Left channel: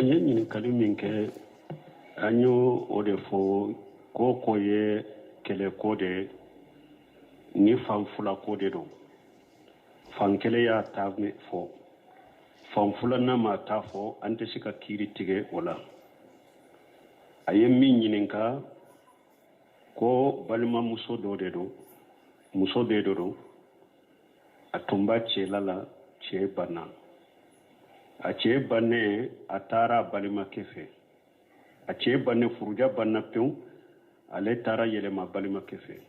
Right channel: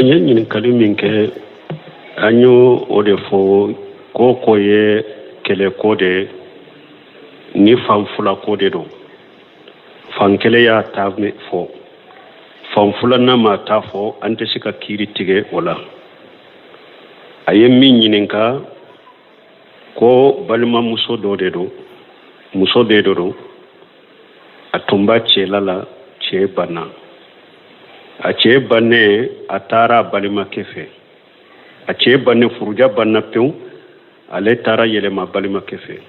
Yin kalimin ke anyo odefo ko ye kele kode ni fanfula kode do fankele ya tavne fo fanfula na ma tafo ante sika kiri tige wala aye min yininka ko balma muso do atumba chelala che bana a ce banne a tara balima kefe a ce banne furuja banna pew ale tara yelema balima kefe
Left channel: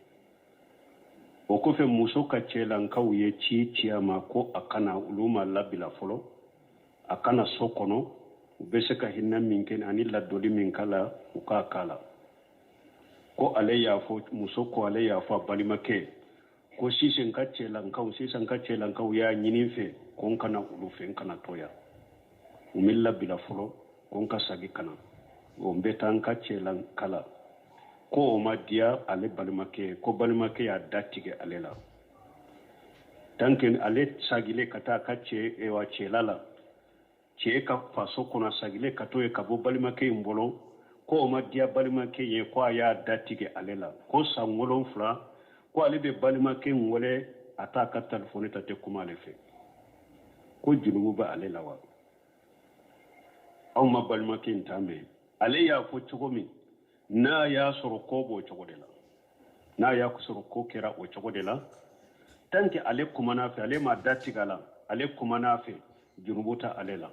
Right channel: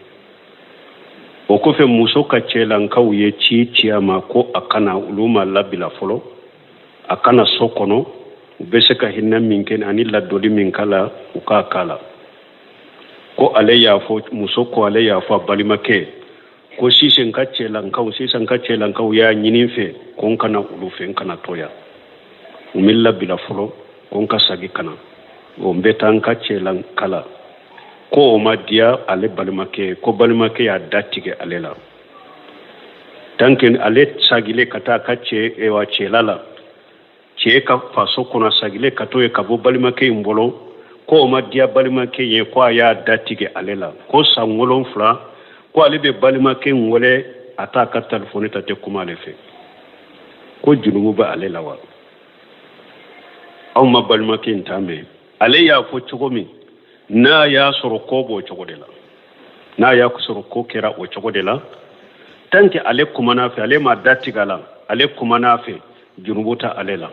o ko fe muso ka celan kaw ye ciyama ko akana uluma labila folo akana sokono be se ka hinna min ken ani la doli min kala u ka kala ko ale ya fo muso ko ale ya fo balima ke ko sisen ka celan kaw ya nyinin fe ko kana ulu fe kana toya umilla bila folo konka sagi kana o mbetan ka celan kala ko o madia ale balimake ko balimake ya datige alela tanken ale sagile kata kace e wa celala ce ka faso kuna sagile kato e kabo balimake mbolo ko o madia balimake ye ko ya datige alela ko sangolon fla ko ale be balimake ngole ata ka telefone tate kuma le fe ko junubu ba alela wa aw ma balimake ntame ale ya fo cogomi na ya soro ko bo cogodela na ya ku soro ko kera o cogodela tanke ale kuma na fe ale ma datigala ale kuma na fe junubuta alela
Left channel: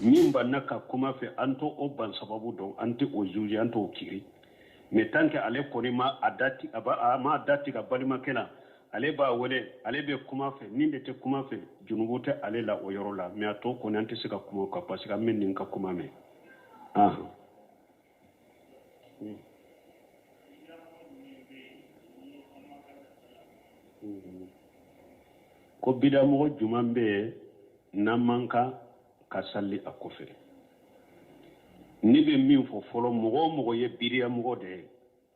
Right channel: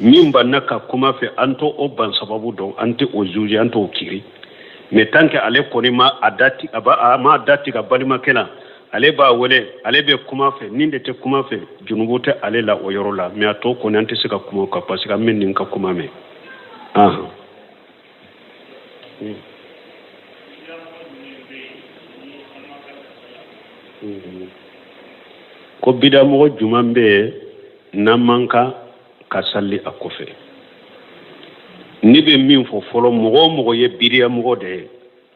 nyimba naka kuma fe anto o ban sababu don anti o juji anto o kiri me tanke ale koni ma adati aba ma datiga balimake la ale ba wole ale be kuma fe ninde te kuma fe junubuta ale la o yorola me ato ko nanti sika kuma ka pasika men ninka kuma me ko bida mo jumambe namanka kasalli akofe ni be min fo folo mo ye bidiya mo de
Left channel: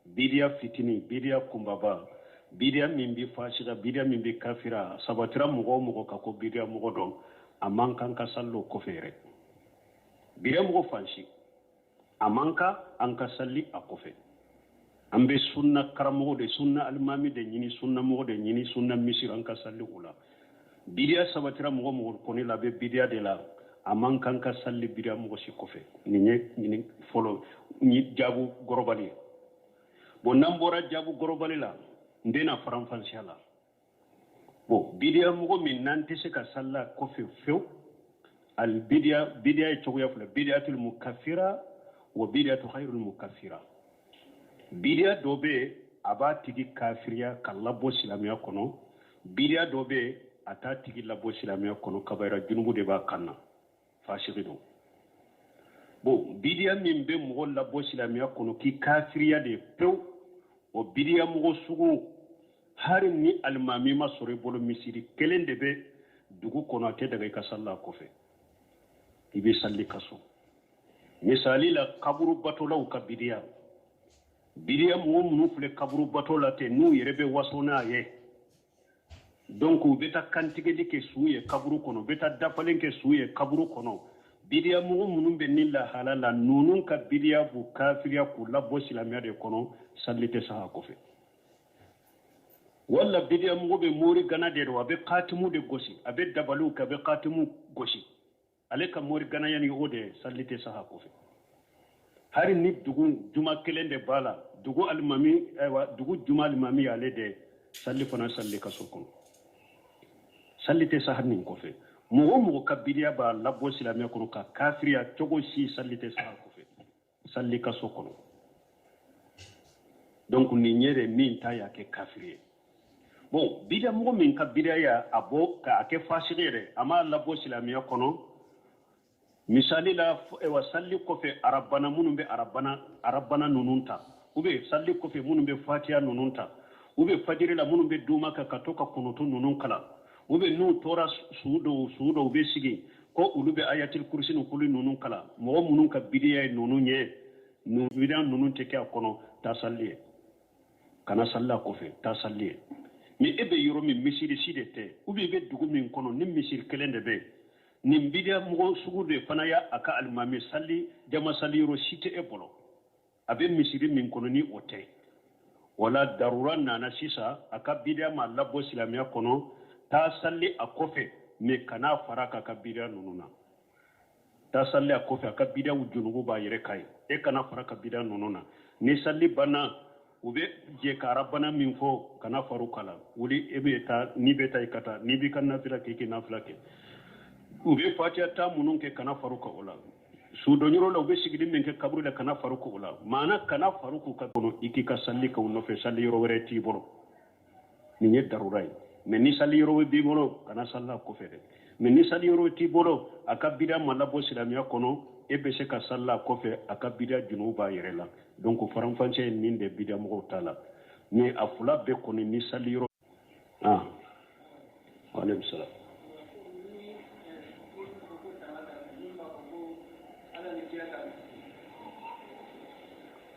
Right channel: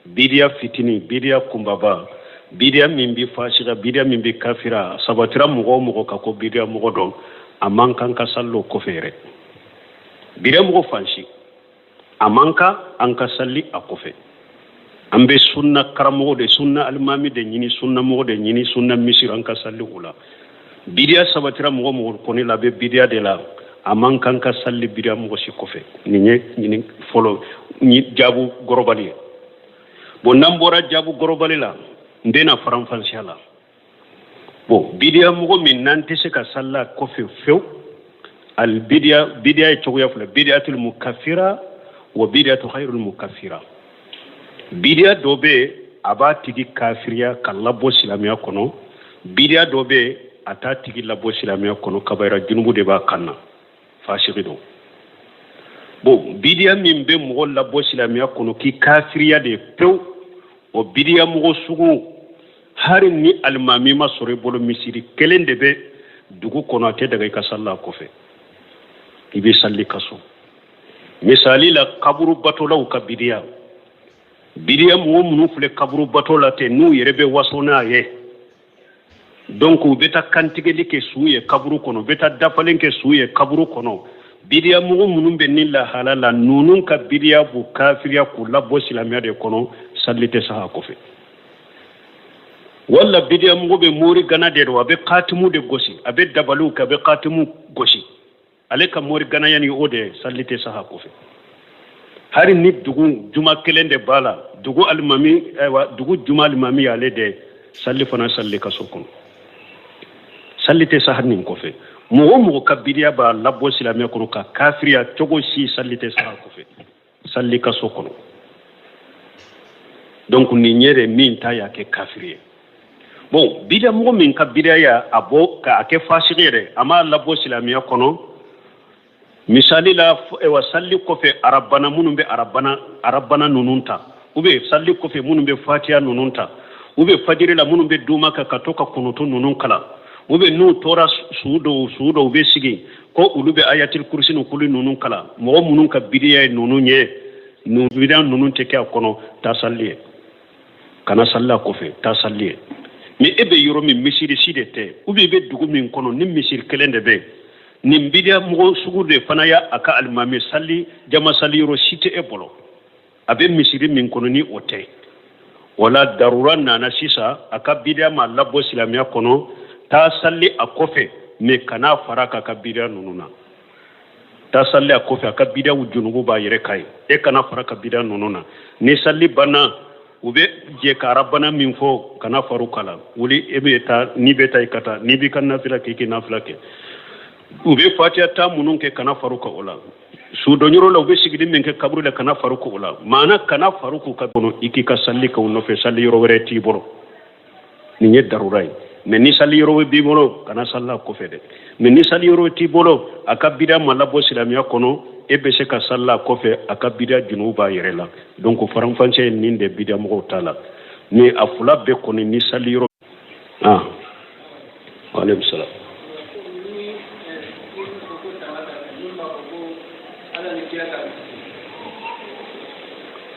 bidiya fitini bidiya kumbaba bidiya min bi fasira bidiya min bi kafira sabatira mugo ka ko bidiya mugo don amankan ka sallo ko fere bidiya mugo fanshi amanka an ka salli akofe ambe sunna karamo de sunna almami de nyini sunna mugo de nyini sunna misir an ka salli ula bidiya sabatira mugo ko ni labe bidiya de la amankan ka salli bidiya mugo si kofe ni folo ni jabu gorobali bo nambora jabu gorobali la ndena faranfansiala bo bidiya mugo min nanti se ka salla ko few al bidiya chogoya fula bidiyatul mukaffira wa bidiyatu khairul mukaffira bidiya dobe aba tigi kafiriya kallabo silamiya kono bidiya dobe ata tigi labo silamiya kono kabayra junubu de ba kanna fashigido bo bidiya min be mugo labo silamiya kono ki kafiriya de pew o bidiya mugo sugu hari ni almami ma sore bolo misiri kelen de be dugu kono ate daga ka salla ko fe ibe salli kaso misali la kaburu batola ka bidiya mugo munu fule kaburu batola te nu yerebe wasona ye donc beta kantige like suye kaburu kono beta dafalenke suye kaburu kono bidiya mugo munu be nilla halala nunun ka bidiya bu kafiriya ku labo silamiya de kono sallite saha ko fe walla bidiya mugo be mori gana de do abe qatimu de gosi abe dabalu ka be qatimu gosi ale ka mori gana yani ode sallite saha ko fe hari ni dugu juma kelende bala dugu almami dugu juma almami ale de salli fana salli ka sokon sallite saha nin ko fe mugo ka bidiya ba labo silamiya kono ka kafiriya togo si sallite saha ko fe salli ka sokon donc ni nyere min ta ya ke kafiriye bon bidiya mugo min ka bidiya ya abo ka ake fasirere ama labo silamiya kono misali la wa salli ko fe arabana munum be arabana nununta ube salli ko fe munum be fatiha nununta ube fajiri la munum be duma ka katoka kunutu nunun kala ube nu tora suudo ube sigi ko ulube ayatul kursi no kulu nunun kala mo munun ka bidiya nunun ye nu bidan nunun te ka kono ta salli kana salla ko fe ta salli mi ebe yoro mi misiri sidete ube be dugu min kono ni misir kelende be nin bidia mo sugu de fana ya aka almami salli jama salli ro site e bolo abe misiri min kono ni ote wala darura nana sisa aka bidia ma labo silamiya kono ta salli a kofe me kana faraka ka bidia nununa ta salli a kofe aka bidia wujunugu ba yere kai e kana faraka bidia nununa ni salli bana ube je karabana min fo kana faru kala wuli ebe ta ni beta ikata ni bi kan nafila ke nafila ke ube fatiha ta munun ke kana faru ka ola su donyoro la ube sigidi min ke kabru la kana faru ko ola mana kana faru ko ka bono iki ka salli ka no fe salli yoro were ti boro ni nye darurai mais ni salli yoro bi boro kana salla ko fede mais ni salli yoro ti boro aka bida malabo silamiya kono ebe se ka salla ko fe aka bida junuba yere la donc faram fanche ni de bida mo tala ni afula be kono ni salli yoro ah alayhi salam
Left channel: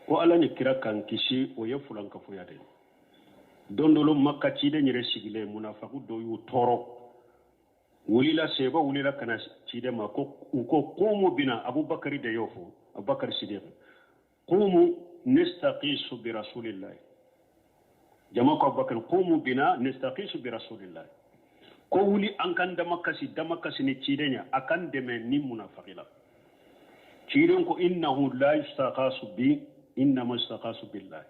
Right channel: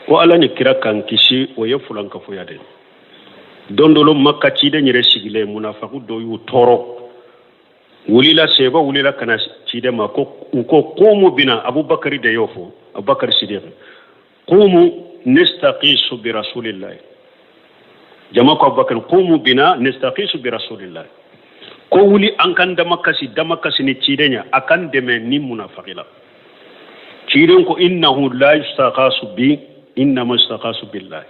ko ala ni kira kan kisi o ye fulan ka foya de dondolo makka ci de nyere sigile munafiqu do yu toro wulila seba wulila kana ci de ma ko qumu bina abubakar de yofo abubakar siddiq qumu nastaqisu bi rasulillah jama ko abubakar qumu bina nastaqisu bi rasulillah ko wuli an kan da makasi ni ci de nya akan de men ni munafiqila ci de ko innahu la yastaqasu bi innama istaqasu billahi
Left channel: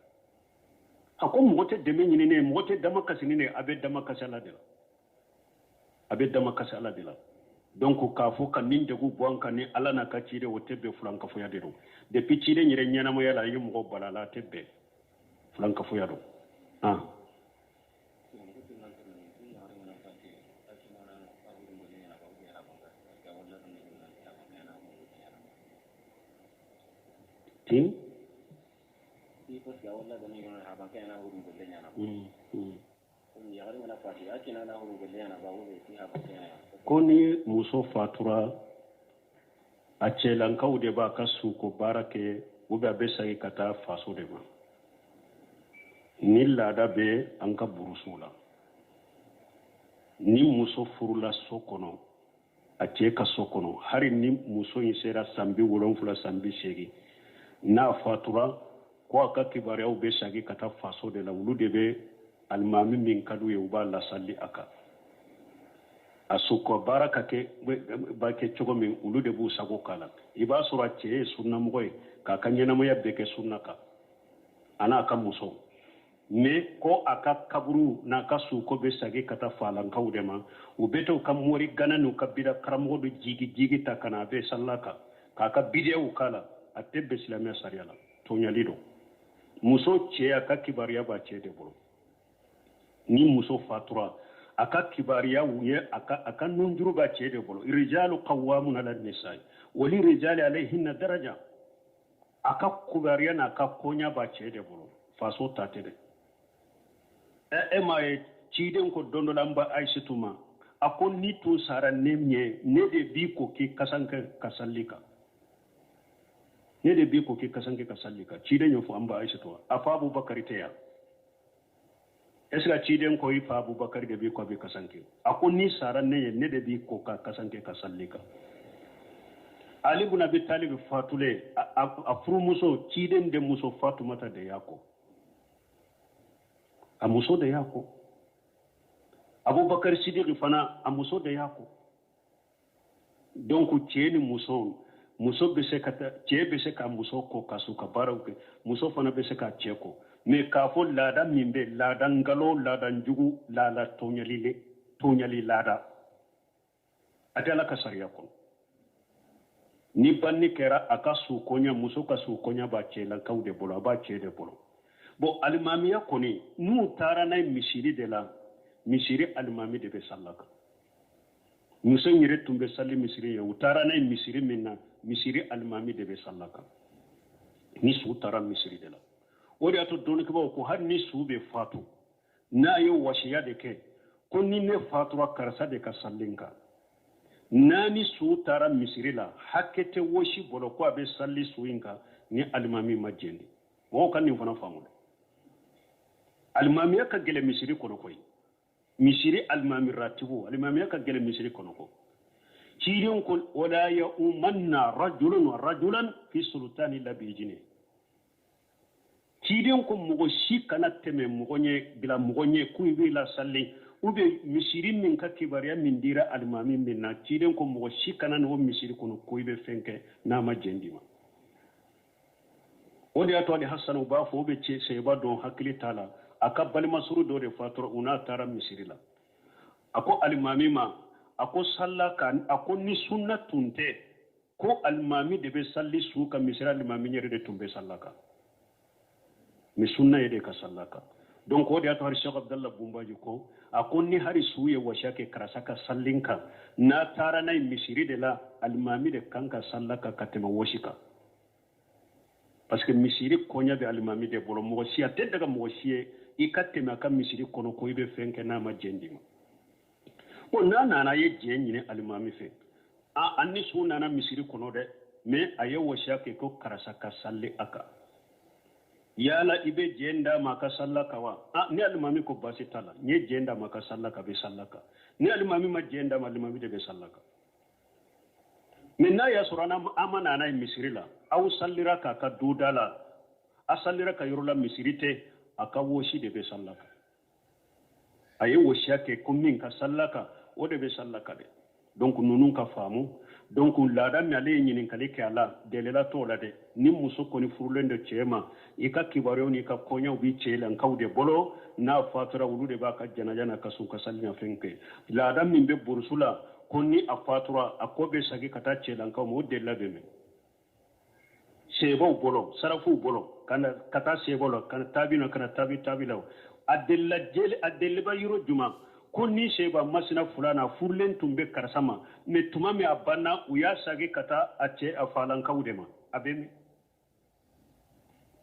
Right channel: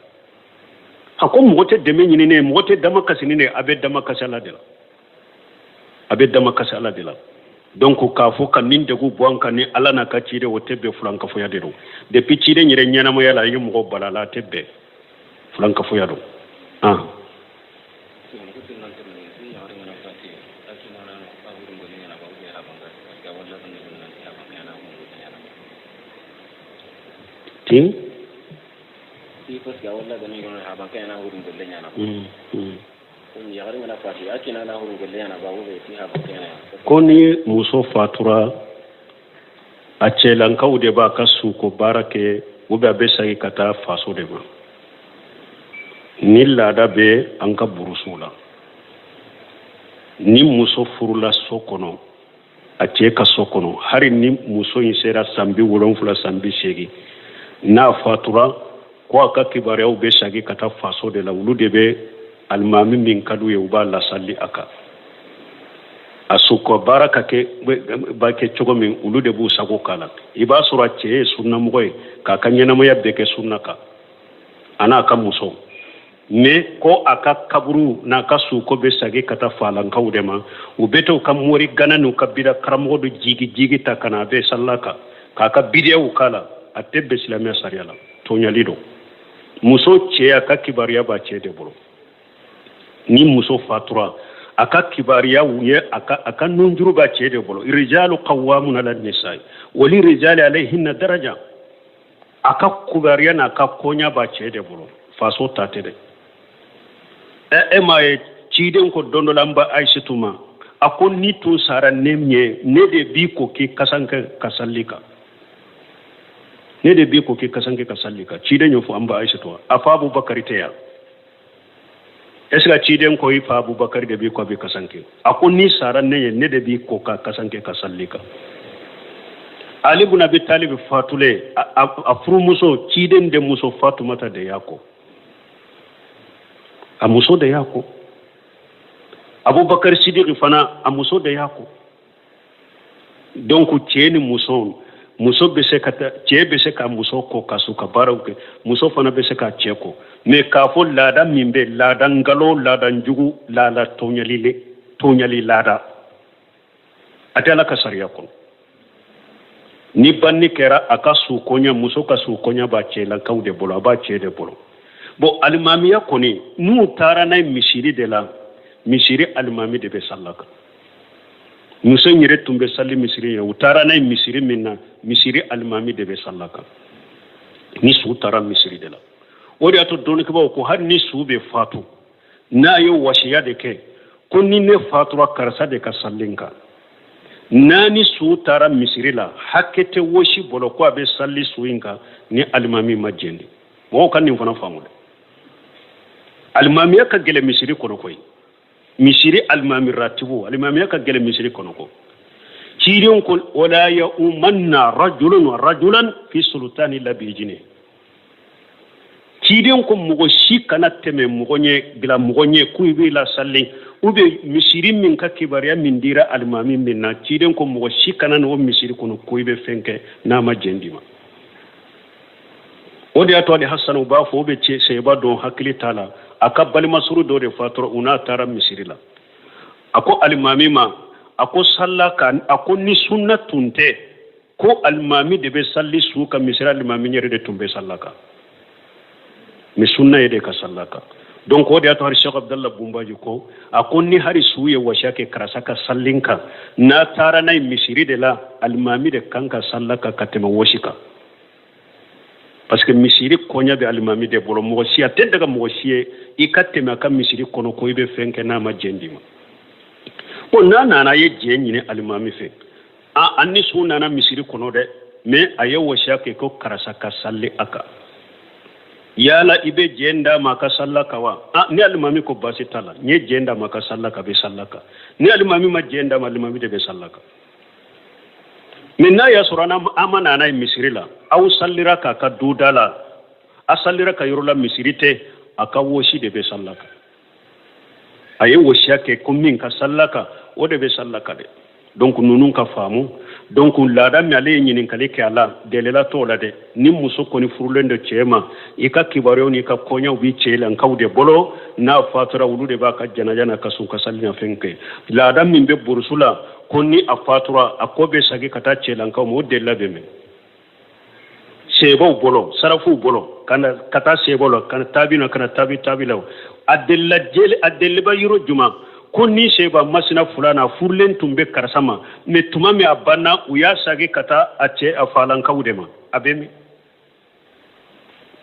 hako mote deme nyini ne mote dama kasini ne abe dama kasala de la donc ka fo kan nin de gu bonka ni ala na ka cire wote be fulanka fo yadero depuis cire nyire nyana mo yala yi mo balala tebbe fulanka fo yado ah tin parce que wala da ngi ha ban kayana wurin golle nyana ya garin na fati ake na wurin golle nyana ba wube ti ha ban kayana ko ni muso fatura a ce lan kaude ba kasu ko barake wube be sai kata faso de ma ni lada be an ka burusula ni muso furula sokono a ce ka sokono hari ni muso yin sera sambi wolon fula sambi shegi na fatura ko aka kibarew be shagi kata faso de la wulu de be almami min kadu ye uba la salli aka asuko baraka ke ba ke chogo min wulu de bu sago kala iba sura che sunna moy ka kanyana mo yabbe ke sunna ka ana ka muso me ko aka kaburu na ka su ko be shagi kata falan kawde ma ubeto kam mori gananu kabira karamo do jigi takana be sallaka ka ka bidew kala atebe islamia sariala tonyalido muso ce aka kibariya ba ce de bolo ni muso fatura aka kibariya wuye aka nunjuru ba ce de bolo rijalu qawwamuna ala nisaa wali rijali alayhinna daraja aka kubariya na aka konya ba ce de bolo faso tate de mai ciden ko dondo lamba aishatuma akon ni to sara nemye ne de bi ko ki kasanka kasallika ne de bi ko ki kasanke kasallika ciden yo fu amba aishatu afa abubakar teya esga ciden ko yi fa abubakar de bi ko bi kasanke akon ni sara ne de bi ko ka kasanke kasallika ali ibn abi talib fatule afru muso ciden de muso fatumata de yako a muso da yako abubakar siddiq fana a muso da yako donc ce ni muso be se ka ce be se ka muso ko kasu ka barawke muso fana be se ka ce ko mais ka fo lada mimbe lada ngalo lada njugu lada tonyali lada atala ka sariya ko ni banni kera aka su konya muso ka su konya ba ce la kawde bolo ba ce de bolo bo alimamiya koni nu tara na misiri de la misiri alimami de be sallaka muso nyire tumbe salli misiri ya utara na misiri minna misiri alimami de be sallaka ni su tara misiri de la odi ato don ko ko har ni su be fatu na yo washiya de ke ko ni ne fatu karsa de ka sallinka nani su tara misiri la hakete woshi bolo ko be salli suinka ni alimami majjendi mo kan ni fana famude almamiya ka gele misiri kono koy misiri almami ratibu almamiya ka gele misiri kono ko ciiren ko wala ya umanna rajulan fi sultani labijine ciiren ko mugo shi kana teme mugonye bila mugonye kuibi la salli ube misiri min ka kibariya min dira almami min na ciiren ko mugo shi kana no misiri kono kuibe fenke na ma jendima odi ato de hasanu ba fo be ce sai ba don hakili tala aka bal masuru do de fatoro una tara misiri la ako almami ma ako sallaka ako ni sunna tunte ko almami de be salli su ka misira almami nyere de tumbe sallaka mi sunna yede ka sallaka donc o de ato har Cheikh Abdallah Bumbaji ko ako ni hari suye washake karasaka sallinka na tara nay misiri de la almami de kanka sallaka katema washika parce que misiri konya be almami de bolo mo siya ten daga mo siye ikatema ka misiri kono ko ibe fenke na ma jendima ko nana ye jenyi almami fe anni sunna na misiri kono de mais aye washake ko karasaka salli aka yala ibe jenda maka sallaka wa ni almami ko basi tala ni jenda maka sallaka be sallaka ni almami ma jenda ma almami de be sallaka minna ya surana amana na misiri la aw sallira ka ka dudala asallira ka yurula misirite aka woshi de be sallaka aye woshi yake kummin ka sallaka o de be sallaka de donc nunun ka famu donc laada mi ale nyinin kale ke ala delela to la de ni muso ko ni furulende chema ika kibaro ni ka konya wi chela nkawde bolo na fatura wulude ba ka jana ka sun ka sallina fenke laada min be bursula konni a fatura akobe sagi kata chela nkaw mo della be me sebo bolo sarafu bolo kana kata sebolo kana tabino kana tabilaw adella ba yuro juma konni seba masina fulana furlen tumbe karsama me tumame abanna uya sagi kata ace afalan kawdema abemi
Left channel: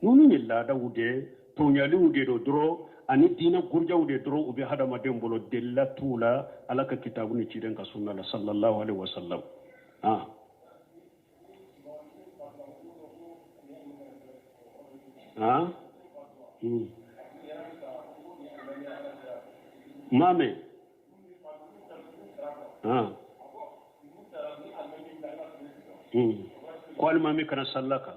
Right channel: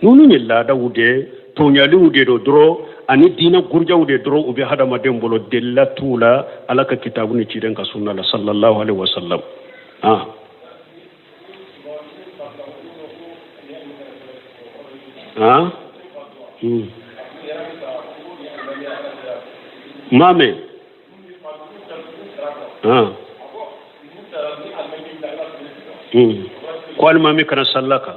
nunu ni lada wude tonyali wude do dro ani dina gurja wude dro ubi hadama dembolo della tula alaka kitabu ni ciden ka sunna la sallallahu alaihi wasallam mame ko almami kana sallaka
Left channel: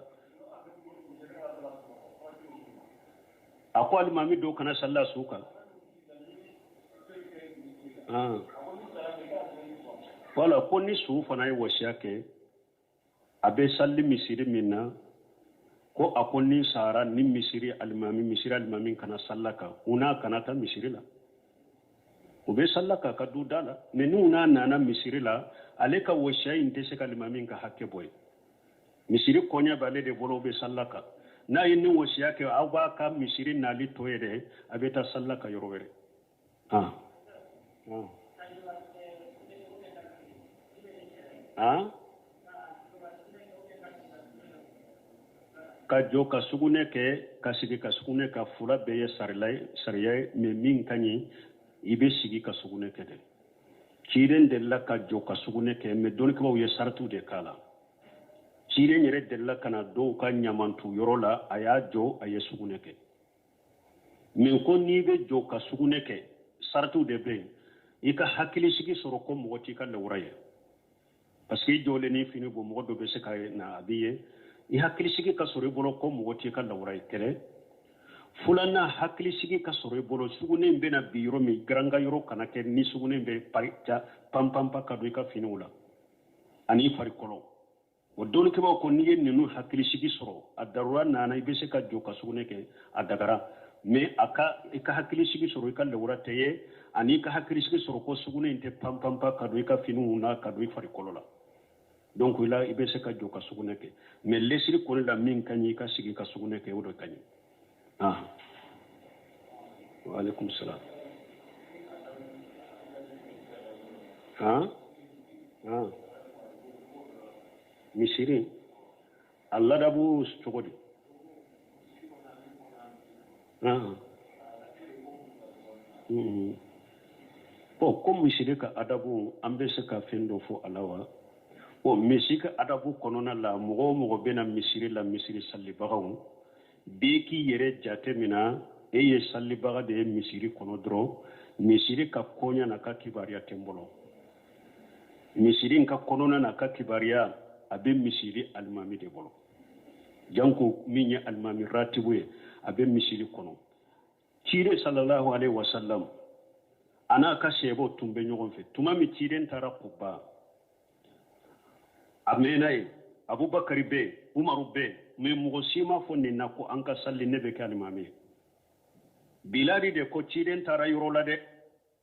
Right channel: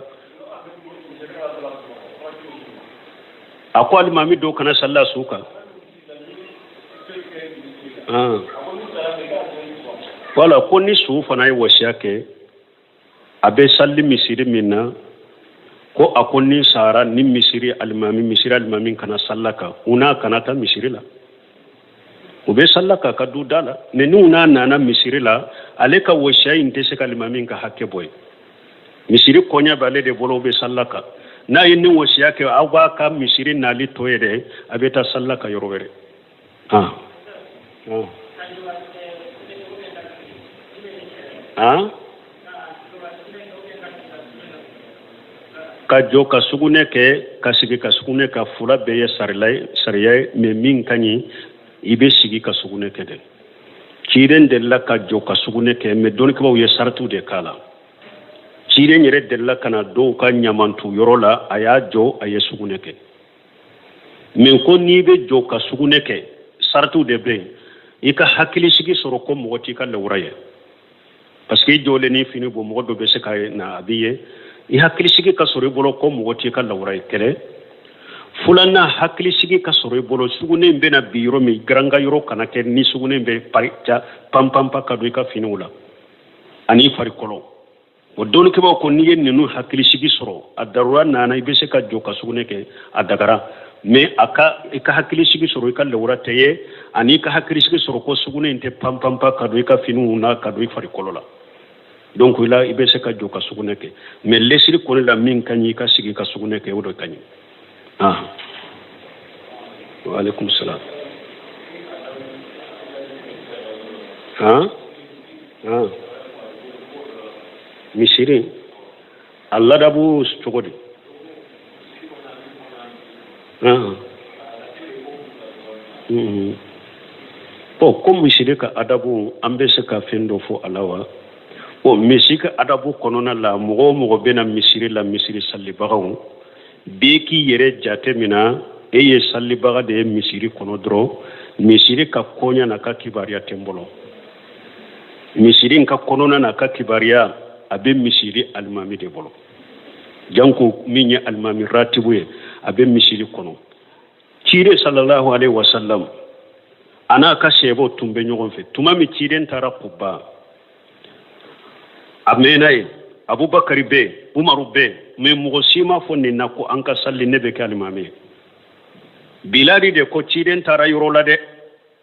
ako almami do kana salla suka wala ko ni su fana yi washake abe salli misiri minna ko akonni sara ni misiri almami kana sallaka una kana ta misiri la ube sallaka ka du dala ne ni una nana misiri la ale ka washay inte se almami ka hakke boy misiri konya bale de bolo be sallaka na yin wasiya ke awa ka misiri nali toyede abeta sallaka yorowere ka jo ka sugune ke ka sigi ka sugune ka fula beye sariya me min kanyi ibe sigi ka sugune ke de ciren de la ka jo ka sugune ke me don ko ye sartu de kala ciren yere de la kana do ka nyamantu yorola aya jo aye sugune ke men ko ni be jo ka sugune ke sartu de be ika hakili sigi soro ko mo ti ka lawraye parce que jole ni fini bo mo do be se kay na abiye i hakili sigi ka soro bolo ko mo ti ka lawraye kele fulana hakili sigi ka soro bolo sugune be na biro mi granga yoro kana ke ni sugune be parita pampampa ka do ka fini wala ani fari kolo o don ke ba ko ni yen no hakili sigi soro adarwa nana ibe se ka jo ka sugune ke adagara me aka ka hakili sigi soro ka lawra teye ani ka hakili sigi soro ko sugune inte pampampa ka do ka fini una ka do fari kolo la donc ila ibe se ka jo ka sugune ke me lesiri ko la min kanyi ka sigi ka sugune ke wodo kanyi wa alaikum salam misiri Allah dabu chogodi ko misiri ka adabu ambe se ka fendo fo alawa o misiri ka adabu konona la mogo bena misiri la misiri salli bagaw beki yere jate mina eye salli baga de misiri kono dro misiri ka konya na ka kibariya tembolo misirin ka konona na ka kibariya abe misiri almami de bolo janko minye almami ratibuye abe misiri kono cire sallallahu alaihi wasallam ana ka sebo tumbe nyogon fe tuma mi ciren tara kubba amenaye abubakar be umaru be me mugo sima fonni nako an ka salli nebe ke almami biladi de ko ciren tara yorola de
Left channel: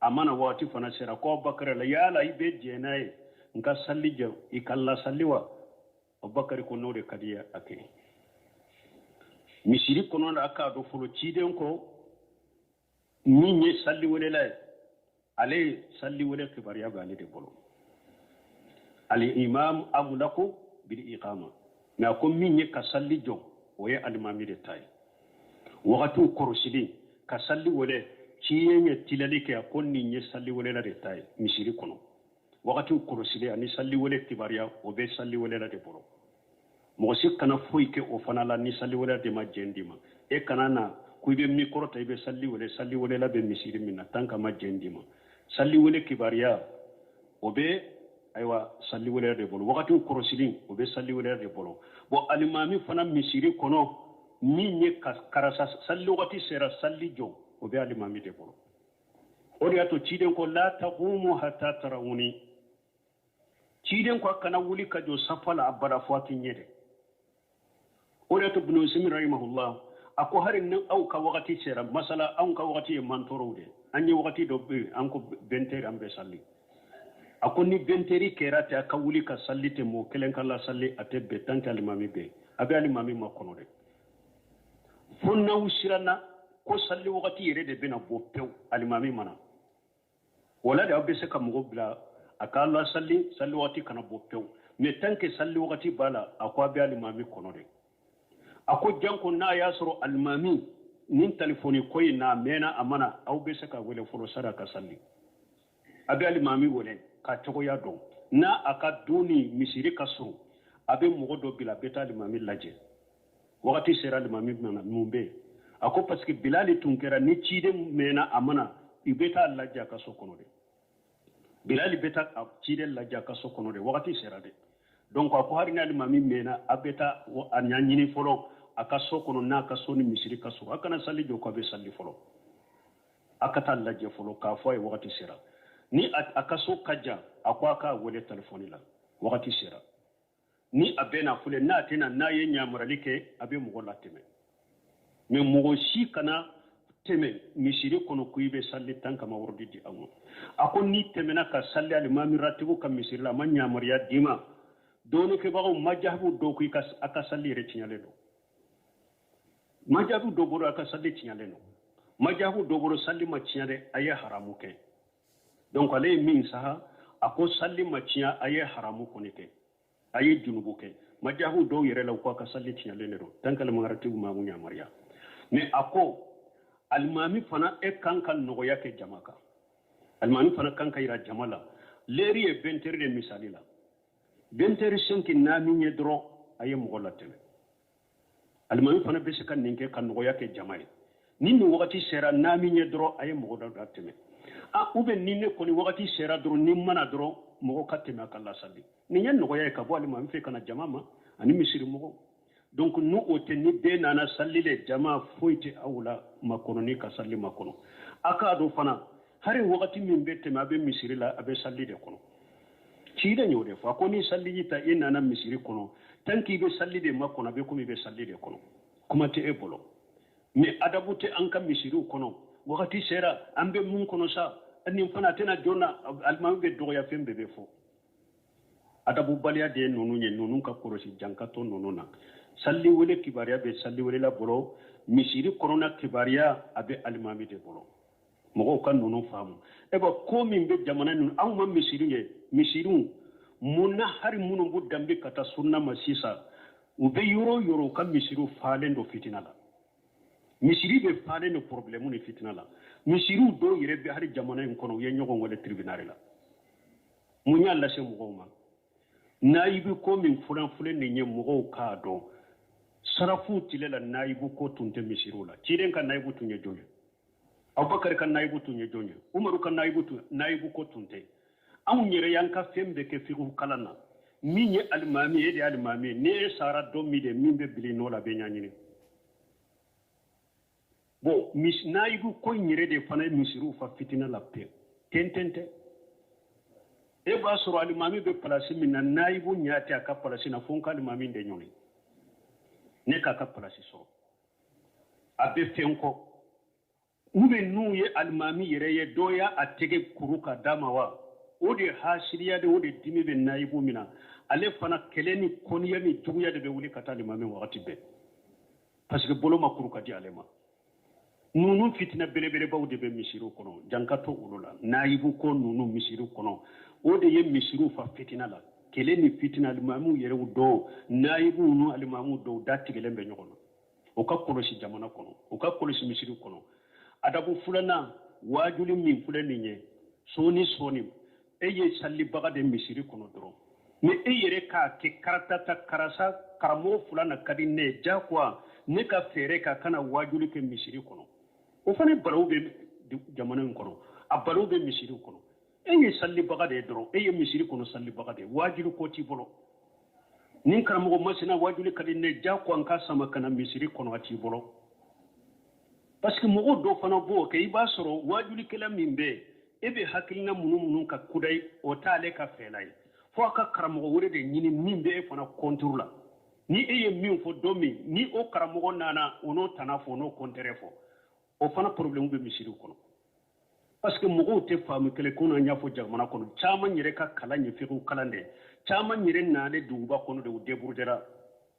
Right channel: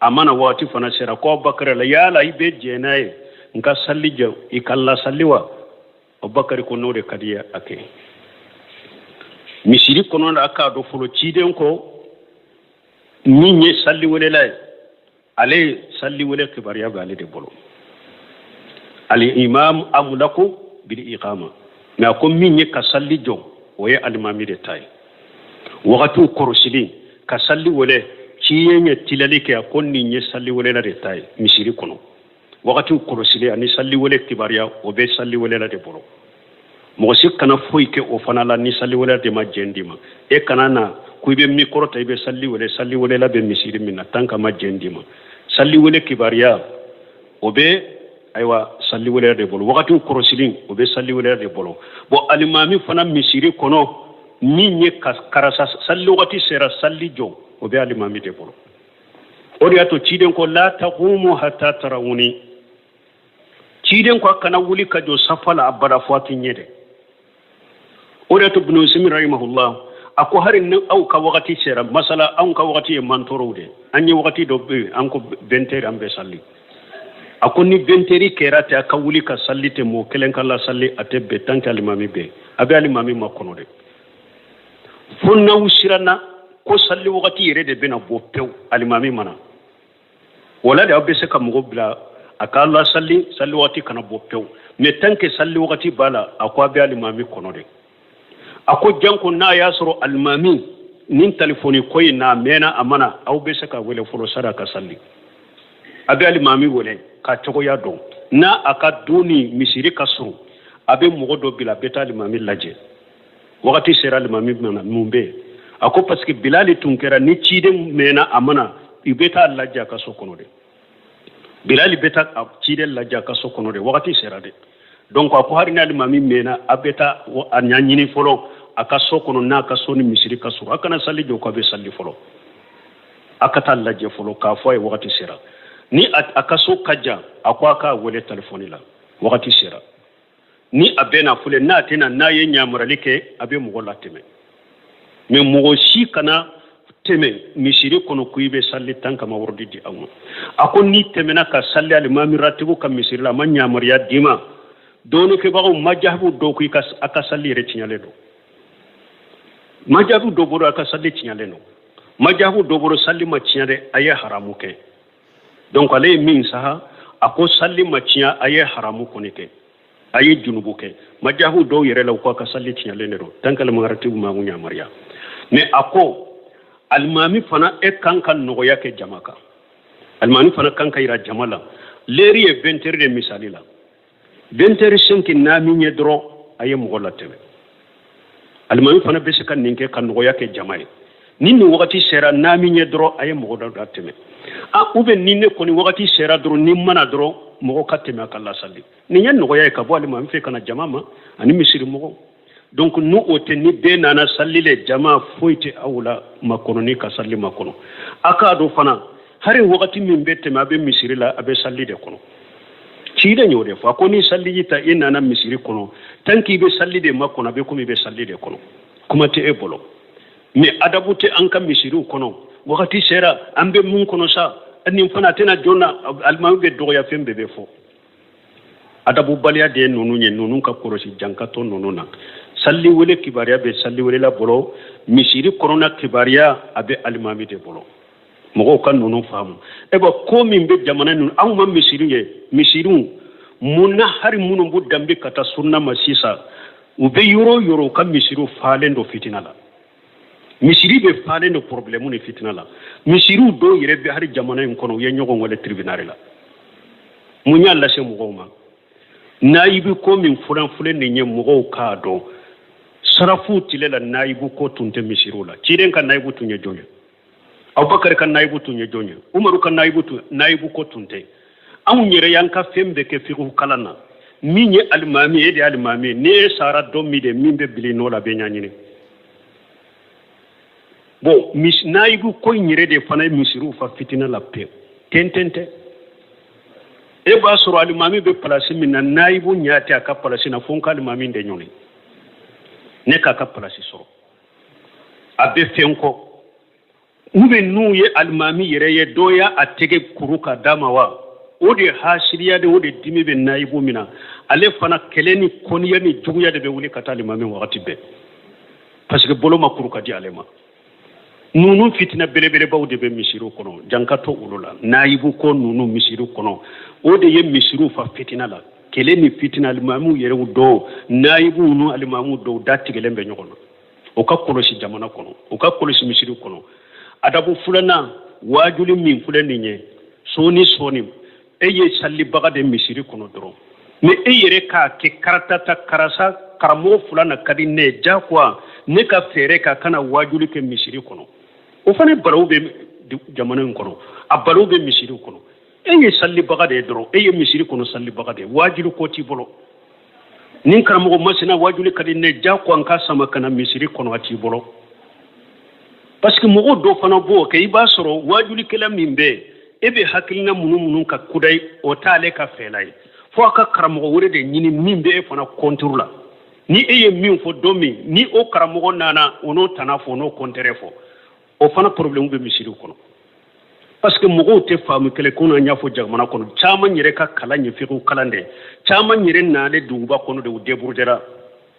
amana wati fana sera ko abubakar la yala ibe jenaye nka salli jaw ikalla salliwa abubakar ko node kadiya ake misiri kono da aka do folo ciden ko minye salli wele lay ale salli wele kibariya bale de bolo al imam amlaku bil iqama na ko minye ka salli jo oye almami de tay wakatu korosili ka salli wele ciyenye tilali ke akonni nye salli wele la de tay misiri kono wakati korosili ani salli wele kibariya obe salli wele la de bolo mo si kana foy ke o fana la ni salli wele de ma jendima e kana na kuibe mikoro ta ibe salli wele la be misiri minna tanka ma jendima salli wele kibariya obe aywa salli wele de bolo wakati korosilin obe salli wele de bolo bo alimami fana misiri kono ni nye karasa salli wakati sera salli jo obe alimami de bolo odi ato ciden ko la taqumu hatta tarawuni ciden ko kana wuli ka jo safala abada fati nyede odi ato ibn usaymin rahimahullah ako harin nan au ka wakati sera masala an ka wakati mantorode anyi wakati do be an ko benteri ambe salli ako ni benteri kerate aka wuli ka sallite mo kelen kala salli atebe tanka alimami be abe alimami makono de fonna usirana ko salli wakati yere de bena bo pew alimami mana wala da abbe se ka mugo bla aka Allah salli wakati kana bo pew me tanke salli wakati bala akwa be alimami kono de ako janko na yasro almami nin telefoni koy na mena amana aw be saka wele folo sadaka salli abe almami wole ka togo ya do na aka duni misiri kasru abe mugo do bila beta almami laje wakati sera almami mana mumbe ako parce que bilali tunkera ni cide mena amana ibeta laje ka sokono de bilali beta cide laje ka sokono de wakati sera de donc ako hari na almami mena abeta anyanyini folo aka sokono na ka soni misiri kasuru akana salli jo ko be salli folo akata laje folo ka fo ay wakati sera ni aka so kaja akwa ka wele telefoni la wakati sera ni abena fule na tena na ye nyamuralike abe mugo lateme me mugo shi kana teme misiri kono kuibe salli tanka ma wordi di amu akon ni temena ka salli al mami ratibu kam misiri la man nyamuriya dima donu ke bago majhabu do ku kas aka salli re tinyale do majhabu do boro aka salli tinyale no majhabu do boro salli ma tinyade aye haramu ke donc ale min saha ako salli ma tinya aye haramu ko ne ke aye junubu ke majhabu do yere law ko aka salli tinyale ne do tankal ma ratibu ma ngunya mariya mais ako almami fana e kankan no yake jamaka almami fana kanka ira jamala leri e benteri de misali la benteri senki na minye dro aye mugola tebe almami fana bese kan ninke kan no yake jamai ninni wakati sera na minye dro aye mugola tebe a ube ninne koni wakati sera dro nimmana dro mugo kateme akalla salli ni nyen no yake ka bo almami fe kana jamama ani misiri mugo donc nous ote ni be nana salli le jama foite awla makononi ka salli makono aka do fana hari wakati min bette ma be misiri la abe salli de kono ciide nyode fa ko ni salli yita ina na misiri kono tanki be salli de makono be ko mi be salli de kono kuma te e bolo mais adabute an kam misiri kono wakati sera ambe mun kono sa ani fana tena jonna almamu be do ya fembe be fo adabu baliya de nonu nye nonu ka korosi jankato nonu na salli wele kibariya be salli wele la bolo misiri korona kibariya abe almami de bolo mogo kan nonu famu eba ko min be jamana nun aw ma misiri ye misiri munna hari munu bu dambe kata sunna masisa ube yoro kan misiri falendo fitina la misiri be falendo problème ni fitina la misiri do yere be hari jamana en kono ye nyogo ngole tribunal la munya la se mogo ma naibi ko min furan fulen ni nye mogo ka do sarafu tilela naibu ko tunte misirula ciden kan naibu tunye jonye abubakar kan naibu tunye jonye umaru kan naibu ko tunte anw yɛrɛ y'an ka fɛn bɛɛ kɛ fiqhu kalan na min ye alimami e de ye alimami ne ye sara dɔn min de min bɛ bili n'o la bɛ ɲaɲini bon nayibu ko in yɛrɛ de fana ye misiriw fa fitina la pewu tɛntɛn tɛ e b'a sɔrɔ alimami bɛ palasi min na nayibu ɲa tɛ a ka palasi na fo n ka alimami de ɲɔni ne k'a ka palasi sɔrɔ a bɛ fɛn kɔ u bɛ n'u ye alimami yɛrɛ ye dɔ y'a a tɛgɛ kuru ka d'a ma wa o de hasiriya de o de dimi bɛ nayibu min na ale fana kɛlɛ ni kɔniya ni juguya de bɛ wuli ka taa alimami wagati bɛɛ parce que bolo ma kuru ka di ale ma nunu fitina belebelebaw de bɛ misiriw kɔnɔ janka to olu la nayibu ko nunu misiriw kɔnɔ o de ye misiriw fa fitina la kɛlɛ ni fitina alimamiw yɛrɛw dɔw nayibu nu alimamiw dɔw da tigɛlen bɛ ɲɔgɔn na o ka kɔlɔsi jamana kɔnɔ o ka kɔlɔsi misiriw kɔnɔ adabu filanan wajuli min filɛ nin ye sɔɔni sɔɔni e ye salibaga de misiri kɔnɔ dɔrɔn mais e yɛrɛ k'a kɛ karatata karasa karamɔgɔ fila na ka di ne ye jagoya ne ka fɛɛrɛ ka kana wajuli kɛ misiri kɔnɔ o fana balawu bɛ jamana in kɔnɔ a balawu bɛ misiriw kɔnɔ e ye salibaga de ye dɔrɔn e ye misiri kɔnɔ salibaga de ye wajuli ko t'i bolo ni karamɔgɔ masina wajuli ka di ne jagoya n ka sama kana misiri kɔnɔ a t'i bolo parce que mɔgɔw dɔ fana b'o kɛ i b'a sɔrɔ wajulikɛla min bɛ e bɛ hakilina minnu ka kuda o t'ale ka fɛla ye fo a ka karamɔgɔ wɛrɛ de ɲini min bɛ e fana kɔnturu la ni e ye min fɔ don min ni o karamɔgɔ nana o n'o tana fɔ o n'o kɔntɛrɛ fɔ o fana problème bɛ misiriw kɔnɔ parce que mɔgɔw tɛ faamu kelen ko n'an y'a fɔ jamana kɔnɔ caman yɛrɛ ka kalan ye fiqhu kalan de caman yɛrɛ nalen duguba kɔnɔ de u débrouillera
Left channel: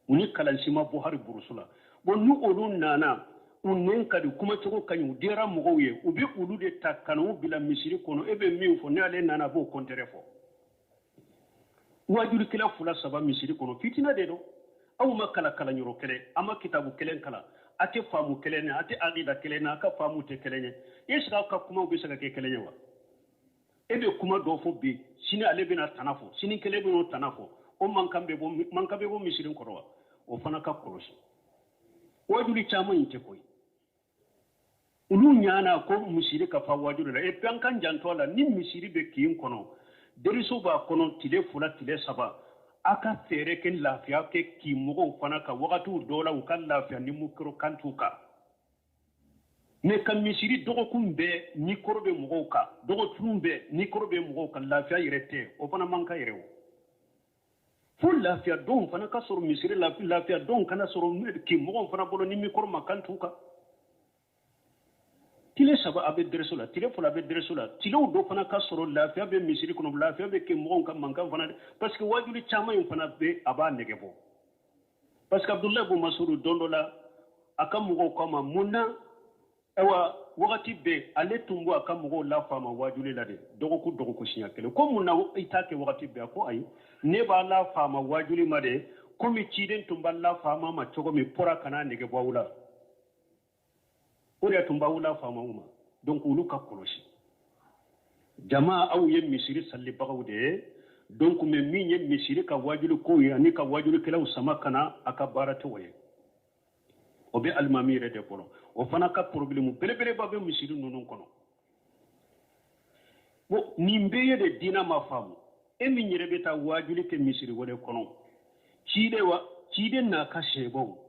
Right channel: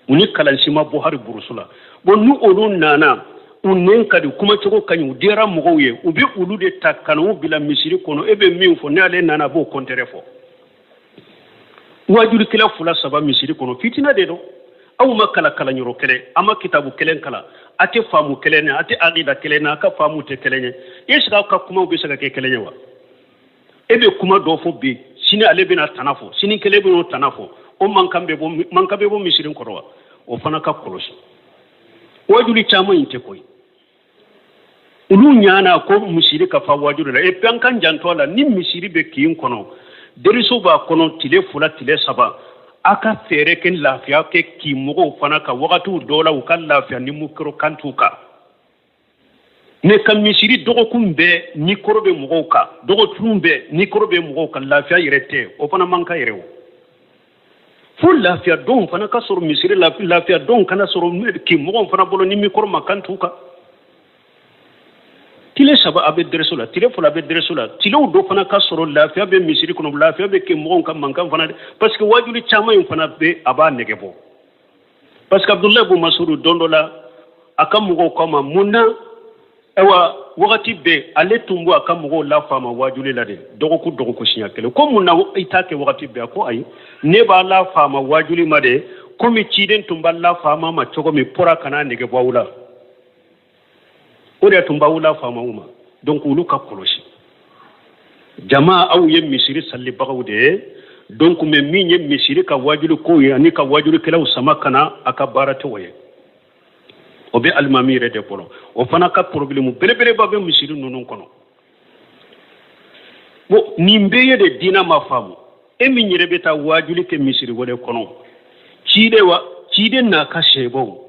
u ni kalansi ma bɔ hali burusu la bon ni olu nana u nɛn ka di kumacogo ka ɲi u dira mɔgɔw ye u bɛ olu de ta ka n'u bila misiri kɔnɔ e bɛ min fɔ n'ale nana a b'o kɔntɛrɛ fɔ wajulikɛla fila saba misiri kɔnɔ fitina de don aw ma kala kalanyɔrɔ kelen a ma kitabu kelen kala a tɛ faamu kelen na a tɛ aqida kelen na a ka faamu tɛ kelen ye e sigi aw ka kumaw bɛ se ka kɛ kelen ye wa e bɛ kuma dɔ fɔ bi sini ale bɛna tana fɔ sini kelen bɛ n'o tana fɔ o mankan bɛ bɔ misiri kɔrɔ wa o fana ka kɔlɔsi wajuli caman in tɛ koyi olu ɲana ko misiri ka fa wajuli la e puis an kan janto la ni misiri bɛ kin kɔnɔ deriso b'a kɔnɔ tile fila tile saba a ka fɛɛrɛ kɛ lafiya kɛ k'i mɔgɔw fana ka wagatiw dɔw la u ka lafiya ni mukoro kantu kan ne ka misiri dɔgɔkun bɛɛ ni koro bɛ mɔgɔw kan dɔgɔtun bɛɛ ni koro bɛ mɔgɔw kan lafiya yɛrɛ tɛ o fana man ka yɛrɛ o fo lafiya dɔn fana ka sɔrɔ misiri lafiya dɔn kana sɔrɔ k'i mɔgɔw fana bolo ni mikoro ma kantu kan tile saba a bɛ dɛrɛso la tile fila a bɛ dɛrɛso la tilew dɔ fana ka sɔrɔ lafiya bɛ misiri kɔnɔ lafiya bɛ kɛ mɔgɔw ka mankan fana parce que wajuli caman in fana bɛ a b'a nɛgɛ bɔ parce que abudulayi bin masudu don dɔ la a ka mɔgɔw k'a ma mun na ayiwa wagati bɛɛ ale tun bɔ a ka mɔgɔw lafaama wajuli la de dɔgɔkun siɲɛ kelen ko mun na i t'a kɛ wagati bɛɛ a ko ayi ne b'a lafaama wajuli ma de komi ciden tun b'a lafaama ma cogo min pora kana nɛgɛ bɔ aw la o de tun b'aw lafaamaw ma donc olu ka kɔlɔsi jama aw ye misiri salibagaw de ye donc mais min ye misiri ka wajuli ko ye ani ka wajulikɛlaw sama kana a ka baara tɛ o ye o bɛ alimami yɛrɛ de bolo o fana ka problème belebeleba bɛ misiri ninnu kɔnɔ bon nin bɛɛ ye de diina ma faamu e min yɛrɛ bɛ taa wajuli kɛ misiri wɛrɛ kɔnɔ ciden n'a ka sɛbɛw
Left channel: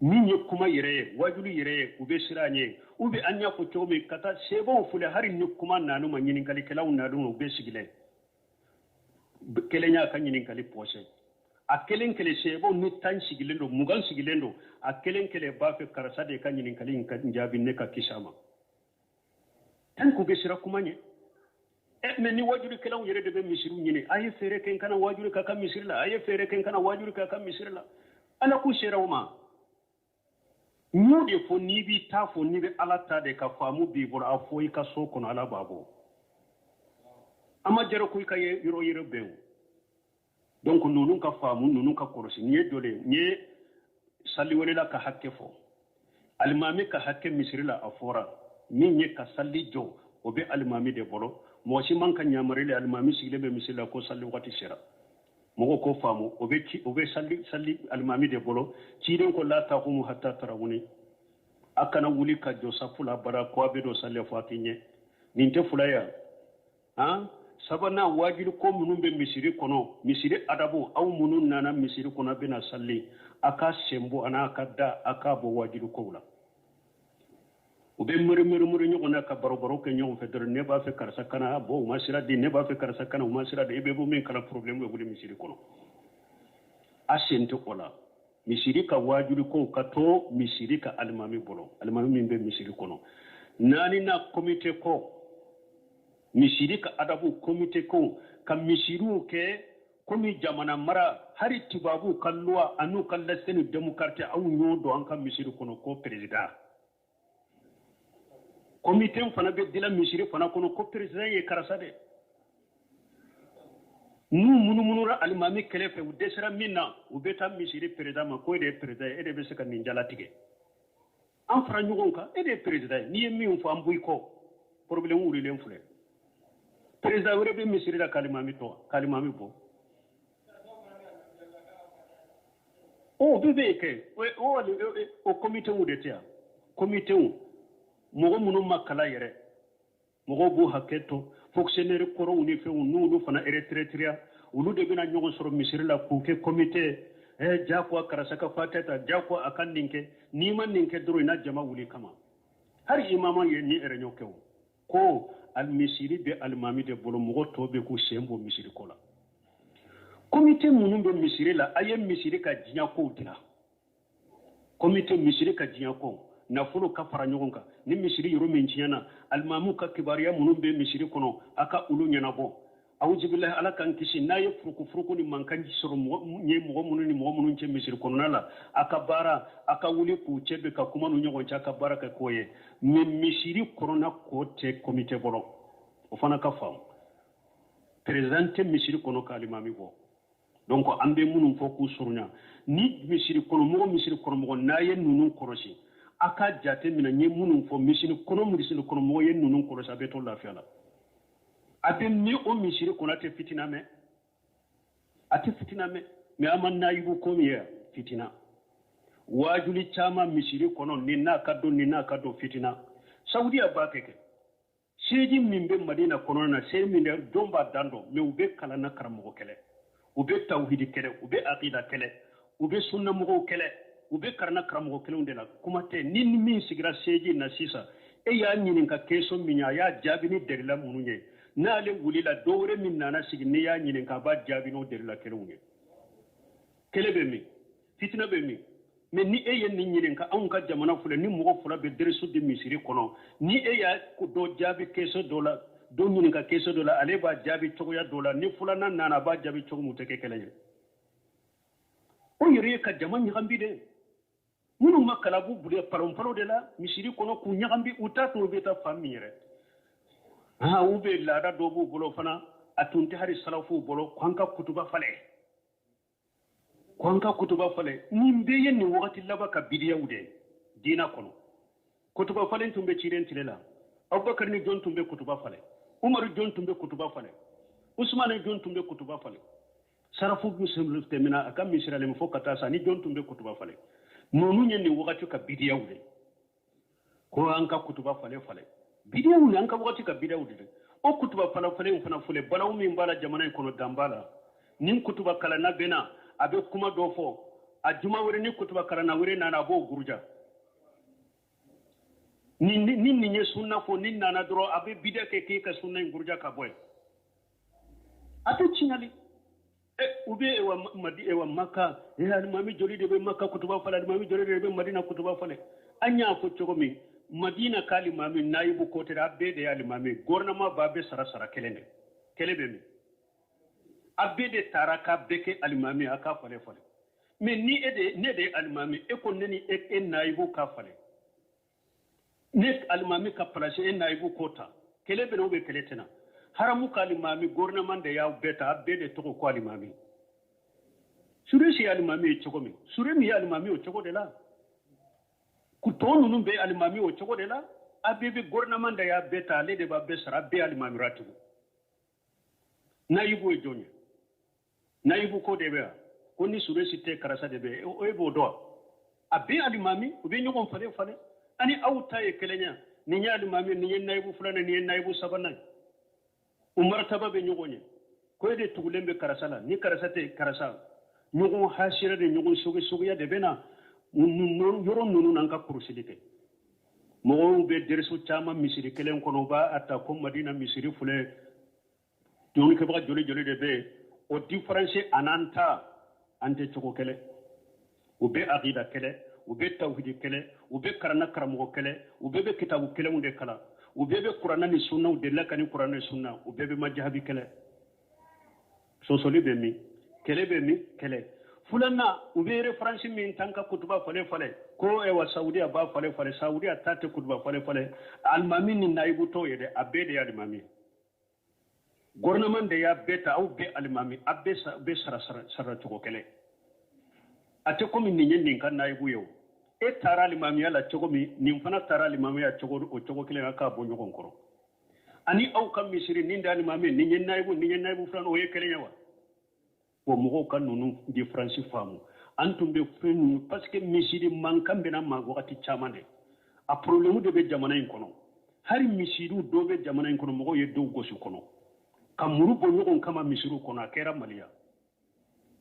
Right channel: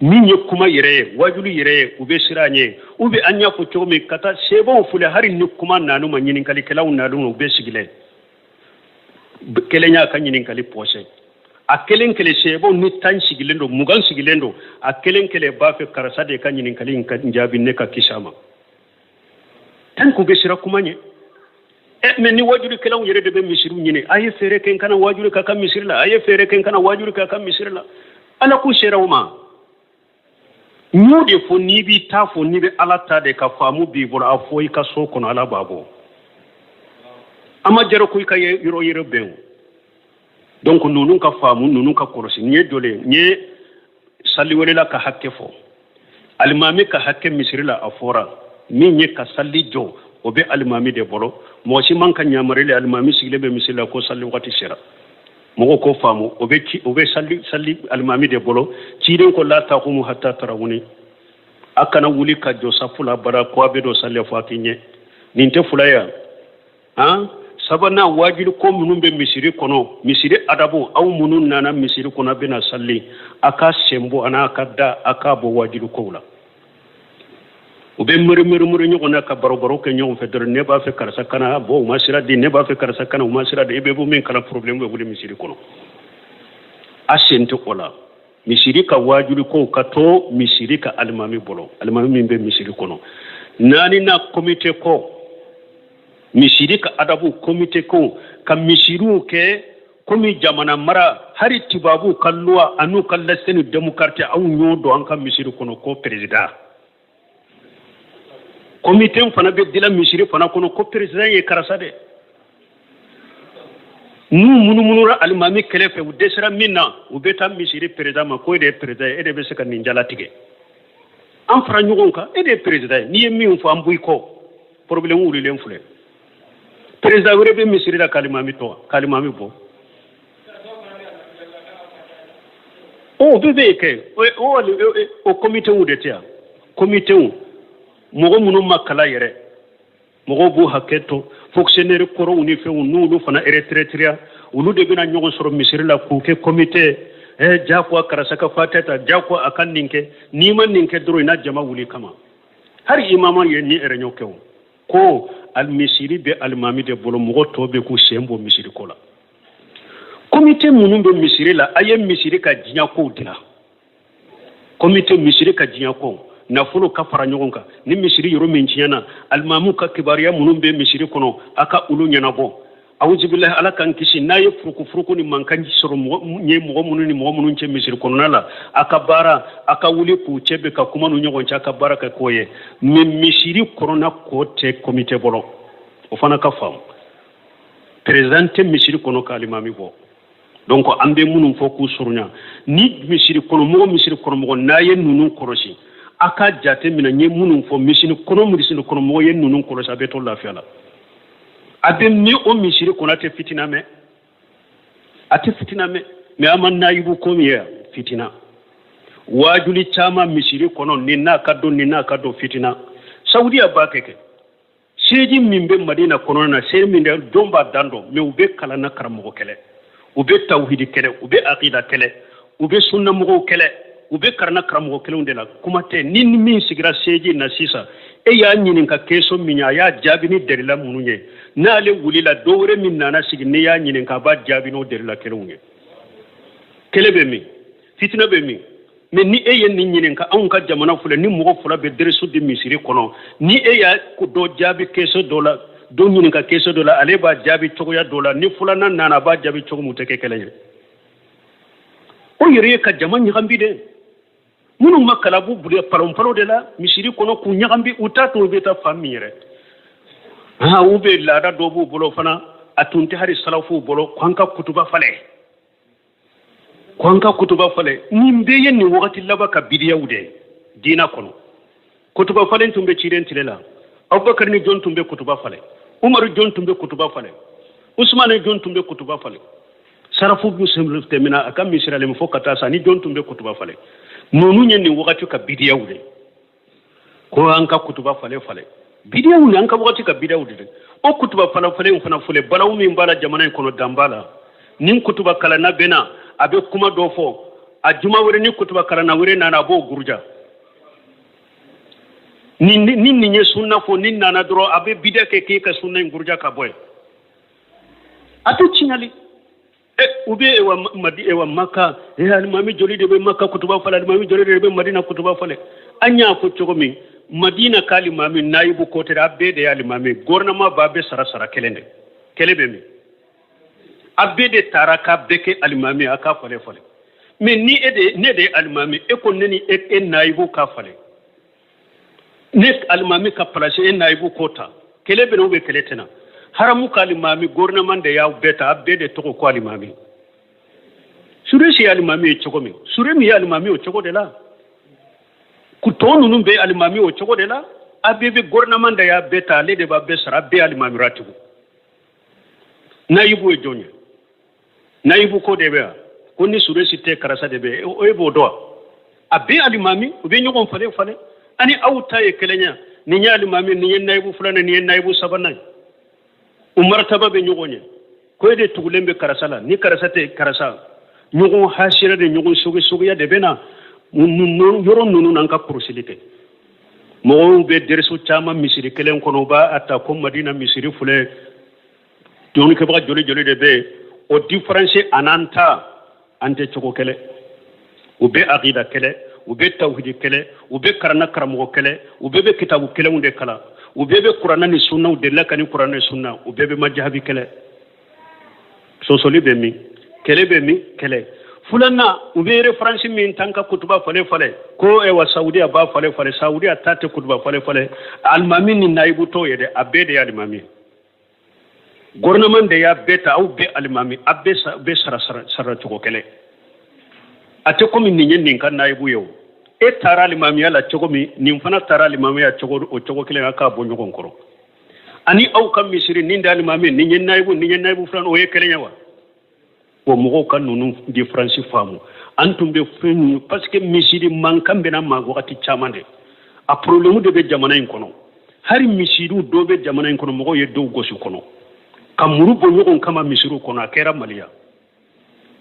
min ye kuma yɛrɛ ye wajuli yɛrɛ ye u bɛ siran ɲɛ u bɛ an y'a fɔ cogo min ka taa sɛbɛnw filɛ hali ni kuma naanu ma ɲininkalikɛlaw naanu u bɛ sigilen kelen y'a ka ɲininkali pɔsɛ a kelen kelen sɛbɛnw ni 10 sigilen don 20 sigilen don a kelen kelen b'a fɛ karisa de ka ɲininkali in ka jaabi ne ka kisi a ma tan k'u bɛ siran kuma ɲɛ mais ni wajulikɛlaw yɛrɛ de bɛ misiriw ɲini a ye fɛɛrɛ kɛ n kana wajuli ka misiri la a ye fɛɛrɛ kɛ n kana wajuli ka misiri la ala k'u sera o ma n'o de fɔ n'i b'i ta fɔ n'i bɛ ala ta de ka faamu b'i bolo a fɔ i ka so kɔnɔ ala b'a bɔ a ma jara ko i ka yɔrɔ yɛrɛ bɛn o donc ninnu ka faamu ninnu ka kɔlɔsi nin ye dɔ le n ye sali wɛrɛla ka hakɛ fɔ alimami ka hakɛ misiri la a fɔra min ye ka sali jɔ o bɛ alimami de bolo mɔgɔ si man ka ɲamarili alimami sigilen bɛ misiri la ko sali wagati sera mɔgɔw ko faamu o bɛ sali alimami de bolo ciden ko la taqumu hatta tarawuni a kana wuli ka jɔ safu la bara ko a bɛ dɔ sali fɔ a k'i ɲɛ nin tɛ fula ye sabana wajilu ko munun be misiri kono misiri adabu aw munun nana misiri kono bena salli aka sembo ana kadda aka bo wajilu ko la ube mure nyogona ka baro ke nyogon federe ne ba fe karsa kana bo masira di ne ba fe karsa kana masira de be bo min kala problem be bude misiri kono asente kola misiri ka wajilu ko kato misiri ka almami bolo almami min be misiri kono nani na komite ko misiri ka adabu komite ko ka misiru ke komi jamana mara hari tibabu kalluwa anu kallaseni demokrati au nyodo an ka misiri kono ko president komite fana be dila misiri fana kono ko president ye karasa de nu munura almami kelefe u desira minna u beta misiri president ma ko de president e de be se ka ninjala tige an fara ɲɔgɔn kan e de ye président n'i ye min fɔ an bɔ i kɔ problème wulilen filɛ président wɛrɛ bɛ misiri la kalimami tɔ kalimami bɔ o bɛɛ bɛ kɛ o comité de tɛ yan comité mɔgɔ minnu ma kala yɛrɛ mɔgɔw b'u hakɛ to fonctionnaire kɔrɔw ni fɛnw n'olu fana retraitera olu de bɛna ɲɔgɔn sɔrɔ misiri la k'u kɛ comité jakwa karasaka fatata jakwa akan ninke nima ninke doro ina jama wuli kama hari imama ye ni erenyo kew ko al misiri be al mami de bolo mo to be ku sembo misiri kola comité munum be misiri la aye misiri ka jinya ko dila comité misiri ka jinya ko na fulo ka fara nyogon ka ni misiri yoro min jinyana al mamu ka kibariya munum be misiri kono aka ulu nyana bo awuzu billahi ala kan kisi na ye furuku ni mankanji soro nye mɔgɔ minnu cɛ misiri kɔnɔna la aka baara aka wuli k'u cɛ bɛ ka kuma nu ɲɔgɔn cɛ aka baara kɛ k'o ye mais misiri kɔnɔna ko tɛ comité bolo o fana ka faamu président tɛ misiri kɔnɔ ka alimami bɔ donc an bɛ minnu fɔ k'u surunya ni misiri kɔnɔ mɔgɔ n'a ye ninnu kɔlɔsi a ka jate minɛ n ye minnu fɔ misiri kɔnɔ mɔgɔ ye ninnu kɔlɔsi a bɛ to lafiya la abe mi o misiri kɔnɔ tɛ fitina mɛ a tɛ fitina mɛ mais an ma nayibu ko min ye fitina wajuli caman misiri kɔnɔ nin n'a ka dɔn fitina saudiya b'a kɛ seji min bɛ madina kɔnɔna na seji min don b'a dan dɔn mais u bɛ kalan na karamɔgɔ kɛlɛ u bɛ tawhidi kɛlɛ u bɛ aqida kɛlɛ u bɛ sunnamɔgɔw kɛlɛ u bɛ karana karamɔgɔ kɛlɛw de la kuma tɛ ni min sigira seji na sisan e y'a ɲininka keso min a y'a jaabi ni derila minnu ye n'ale wulila dɔ wɛrɛ min nana sigi ne y'a ɲininka a b'a jaabi n'o derila kelenw ye kɛlɛ bɛ min fitina bɛ min mais ni e ye nin ɲininka anw ka jamana filɛ ni mɔgɔ fila bɛ deresu di misiri kɔnɔ ni e y'a dɔ jaabi keso dɔ la dɔ ɲininka keso dɔ la ale b'a jaabi cogoya dɔ la ni filanan nana a b'a jaabi cogo mun tɛ kɛ kɛlɛ ye o yɛrɛ ye ka jama ɲagambi de minnu ma kalabu bule palon de la misiri kɔnɔ k'u ɲagambi u t'a to u bɛ taa fan min yɛrɛ u bɛ laada dɔ b'u bolo fana a tun tɛ hali salafuw bolo k'an ka kutuba falɛ nin bɛɛ ye nin wagati laban ka bidiyaw de diina kɔnɔ kutuba falen tun bɛ cilen tile la abubakar ni jɔn tun bɛ kutuba falɛ umaru jɔn tun bɛ kutuba falɛ usman jɔn tun bɛ kutuba falɛ sarafu b'u sen tɛmɛna a ka misiralen fo ka taa sa ni jɔn tun bɛ kutuba falɛ ninnu ye nin wagati ka bidiyaw de ko an ka kutuba falɛ bidiyaw ni an ka wagati ka bidiyaw de o kutuba falen fana fɔlɛ balawu min b'a la jamana in kɔnɔ dan b'a la ni kutuba kalanna bɛnna a bɛ kuma dɔ fɔ a juma wɛrɛ ni kutuba kalanna wɛrɛ nana a b'o guruja ni nin ye sunna fɔ ni nana dɔrɔn a bɛ bidiya kɛ k'e ka sunna in guruja ka bɔ yen a tɛ tiɲali u bɛ ewa maka alimami joli de bɛ maka kutuba falɛ alimami joli de bɛ madina kutuba falɛ an y'a fɔ cogo min madina ka alimami nayibu kotɛ a bɛɛ de ye alimami gouvernement b'a bɛɛ sara kelen de kɛlɛ bɛ min a bɛɛ de taara k'a bɛɛ kɛ alimami a k'a falɛ mais ni ne de ye alimami e ko ne ni e nayibu k'a falɛ ne alimami ka place e nayibu ko ta kɛlɛ bɛ na ou bien kɛlɛ tɛ na haramu ka alimami gouvernement de y'aw bɛɛ ta a bɛɛ de tɔgɔ ko alimami sure si alimami ye cogo min sure min ye alimami o cogo de la tɔ ninnu bɛ alimami o cogo de la a bɛɛ bɛ gouvernement de y'a bɛɛ ta ale de b'a bɛɛ sara a bɛɛ ye alimami ratibu nayibu ye jɔn ye nayibu ko de bɛ yan ko ni sure si tɛ karasa de bɛ o ye b'o dɔn a bɛɛ alimami u bɛ ɲɔgɔn falen ani aw ta ye kelen ye nin ye alimami nin ye nayibu filanan nin ye nayibu sabanan umartaba be ñogoñe ko de tugulen be karasala ni karasate karasa ñogon hasira de ñogon sogi ya de bena yoro nunu nan ka kurusilite mo be dersu chama misiri kelen kono ba atta ko madina misiri fule doni ke ba jole de be o difference ananta ante choko kele o be aqida kele o be tawhid kele o be karana karamo kele o be kitabu kele unde kala o be qur'ana ni sunna o de la kan qur'ana ni sunna o be majhabi kele so soli be mi kele fulanna o be reference min tanka kutuba fale ko e wa saudiya ba fale saudiya tate kutuba fale almami ni naibu to yede abede ya almami gouvernement de ya beta au be almami abbe be sara to kele ate komi ni nyen kan naibu yo e tara almami ala chogomi ni mfana tara almami ya chogo kele aka bo nyogon koro ani au kam misiri ni ndal almami ni nyen naibu fulan o ye kele nyawa o mogo kan nunu difference famu antum be fen parce que misiri mankan bena ma wakati chamande a problème de be jamana en kono hari misiru do be jamana en kono mogo ye do gosu kono kamuru bo nyogon kama misiru kono akera malia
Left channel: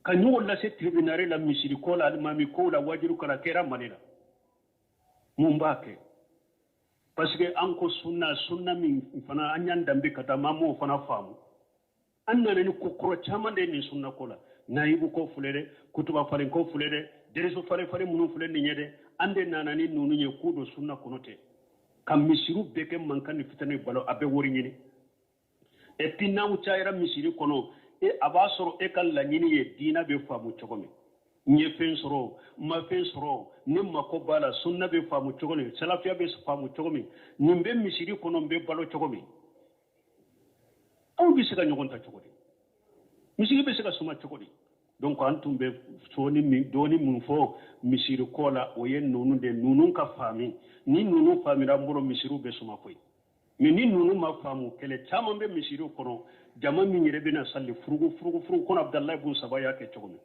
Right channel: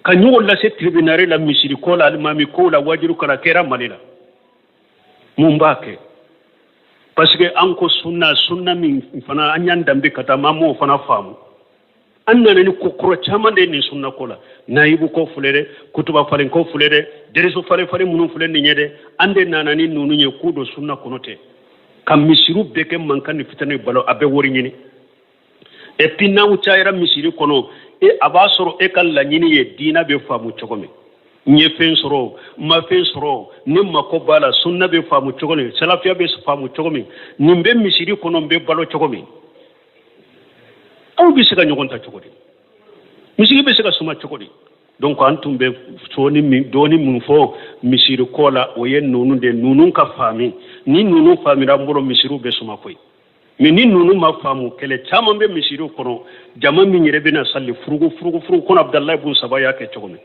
kanyo la se tribunal la misiri ko la almami ko la wajiru kala kera malila mumbake parce que anko sunna min fana anyan dambe kata mamo fana famu annana ni kokoro chamande ni sunna kola naibu ko fulere kutuba falen ko fulere dereso fale munu fulere ni nyede ande nana ni nunu nye kudo sunna konote kam misiru beke mankani fitane balo abe wori nyini e pinna uchaira misiri kono e abasoro e kala nyini ye dina be famu chogome nye fen soro ma fen soro ni makobala sunna be famu chogome salafia be famu chogome nimbe misiri kono be balo chogome aw bi sega ñogon ta cogodi misigi be sega suma cogodi donc antum be soni mi doni mun fo misiru kola o yen nunu de nunu ka fami ni nunu fami rambolo misiru be suma koy mais ni nunu ma famu kele chama be misiru kono jama mi nyere be na salli furugu kono abdallah ibn saba ya ke cogomi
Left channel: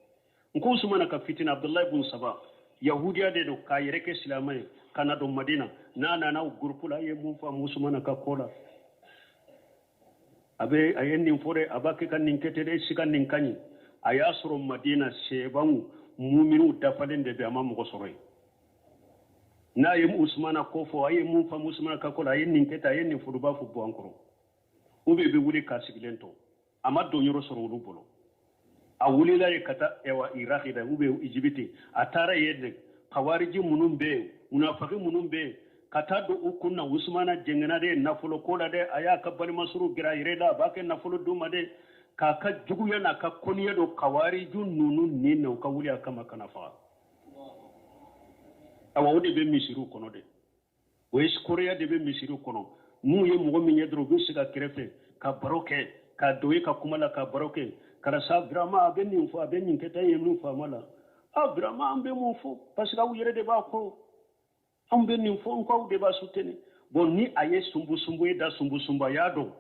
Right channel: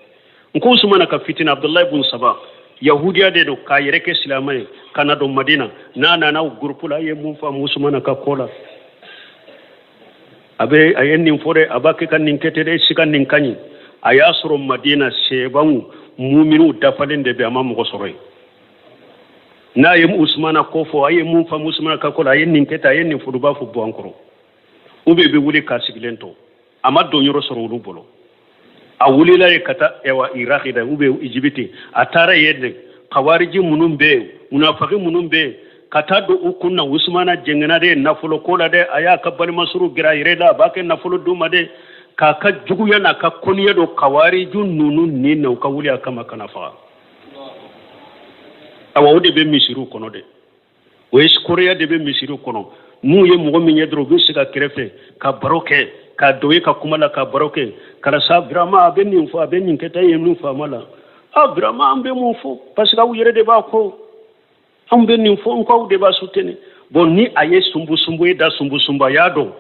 nko sumana ka fitina abdallah ibn saba yahudiya de do ka yere ke silamay kana do madina na groupe la ye mun famu sumana ka kola abe ayen nin fore abake kan nin ketede sikan nin kanyi aya soro madina seban mu'minu dafalen de be amam ko soro na yem usmana ko fo ayen mun fa usmana ka ko ayen nin keta ayen nin fudu ba fu bo ankoro ube be wuli ka siglento amado nyoro soro lu bolo a wuli la kata ewa iraqi da ube ijibiti atara yedde khawariji munum be munafaqi munum be kata do ukunna usmana jengana de nafulo kola de aya ka bal masuru gira ireda bake nafulo duma de ka jugu yana ka koniya do kawari jun nunu ni na ka wuli aka makana fa awa ode be misiru kono de o korea de be misiru kono mu ye mo mi nyedro bi siga krefe ka baroke ka doye ka kumala ka baroke kala sa vraiment be ni fo be ni keta ye nu fa mala vraiment ambe mo fo parce que wu yere de ba ko ambe ni fo ko de ba sutene bon ni aye sumbu da sumba yado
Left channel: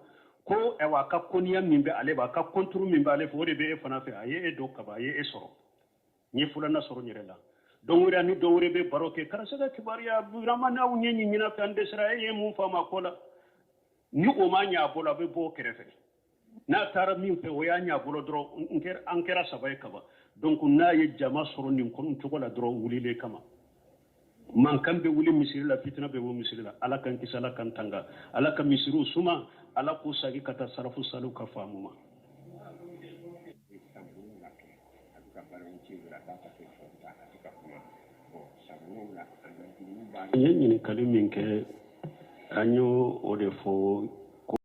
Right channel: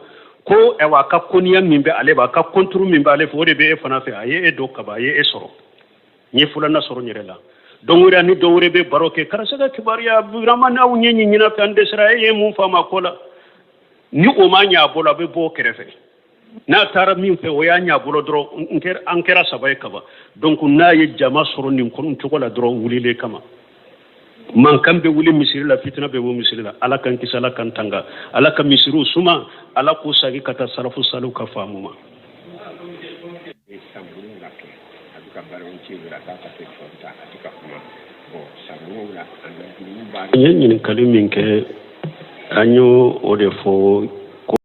ko e wa ka koniya mimbe ale ba ka kontru mimbe ale fo de be fana fe aye e do ka ba ye e soro ni fula na soro nyirela dongura ni dowre be baroke karasaka kibariya vraiment na unyenyi nyina fe ande sra ye mun fama kola ni o ma nya bola be bo kerefe na tara min fe o ya nya bolo dro ankera sabaye kaba donc na ye jama soro ni kon tukola dro wulile kama man kambe wuli misiri la fitna be misiri la ala kan kisala kan tanga ala ka misiru suma ala ko sagi kata sarafu salu ka famuma nyen kalimi ke anyo o de fo